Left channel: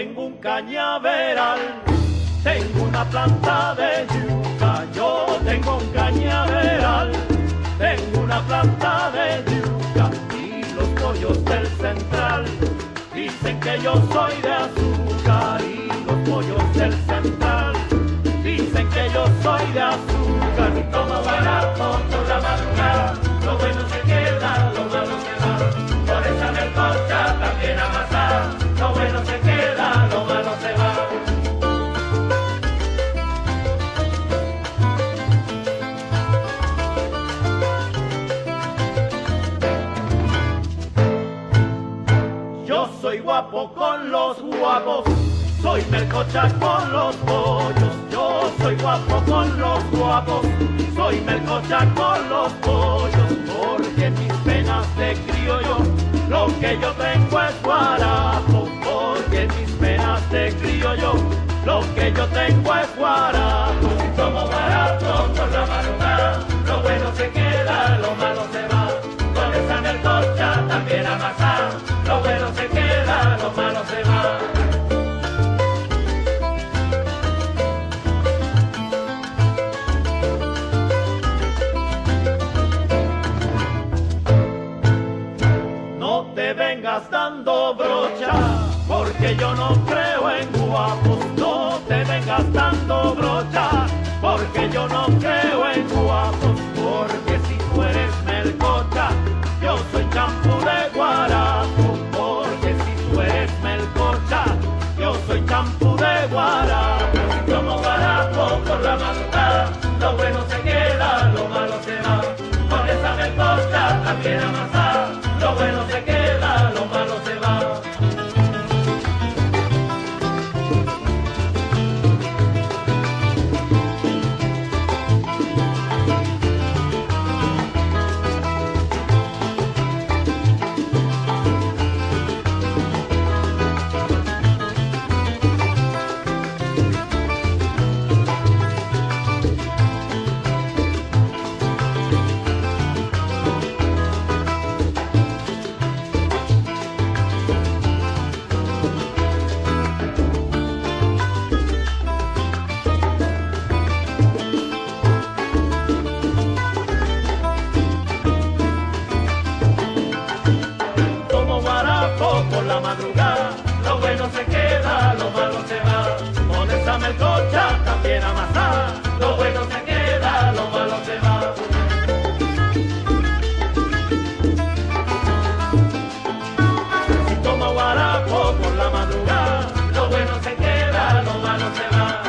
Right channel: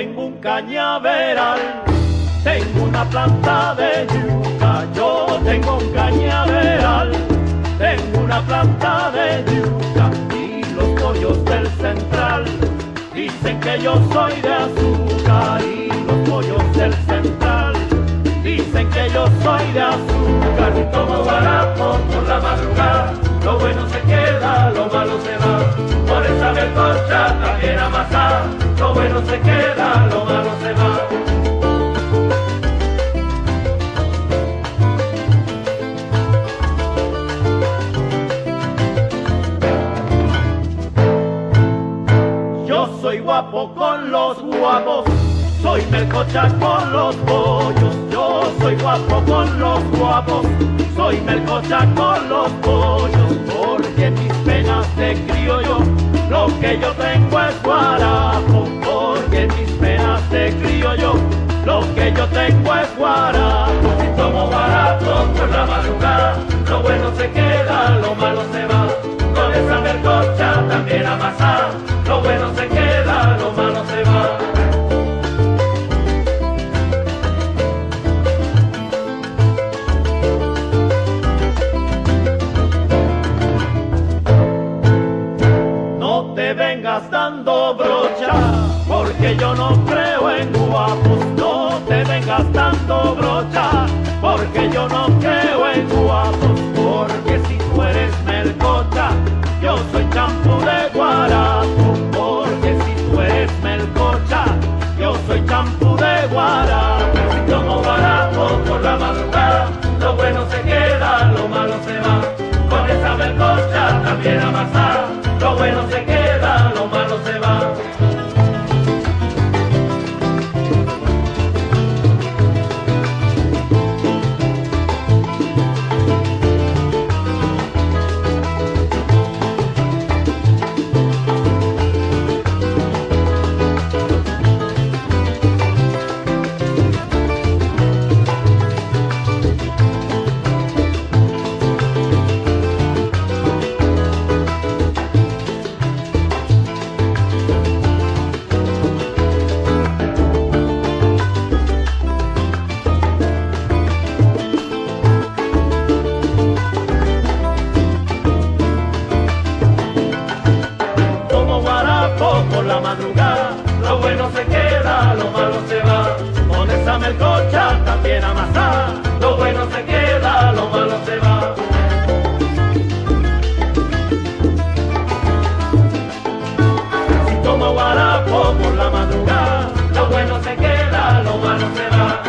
tengo un cañaveral, tengo una planta de yuca. Yo tengo un cañaveral, tengo una planta de yuca. Y los pollos del central dicen que yo soy de azúcar. Y los pollos del central dicen que yo soy de azúcar. Y tomo guarapo por la madrugada, lo bueno se queda, lo malo se va. Por esa melcocha también amasada, lo bueno se queda, lo malo se va. Yo soy guapo con los guapos, soy melcocha con los pollos. Yo soy guapo con los guapos, soy melcocha con los pollos. Porque en mis penas de criollo lo que yo tengo es guarapo. Porque en mis penas de criollo lo que yo tengo es guarapo. Si tomo guarapo por la madrugada, lo bueno se queda, lo malo se va. Con esa melcocha también amasada, lo bueno se queda, lo malo se va. No te vengas dando brocha, porque yo no creo en guapos. No te vengas dando brocha, porque yo no creo en guapos. Porque si tú eres melcocha, yo soy champú de guarapo. Porque si tú eres melcocha, yo soy champú de guarapo. Si tomo guarapo por la madrugada, lo bueno se queda, lo malo se va. Con esa melcocha también amasada, lo bueno se queda, lo malo se va. Por la madrugada, lo bueno se queda, lo malo se va. Con esa melcocha también amasada, lo bueno se queda, lo malo se va. Si tomo guarapo por la madrugada, lo bueno se queda, lo malo se va.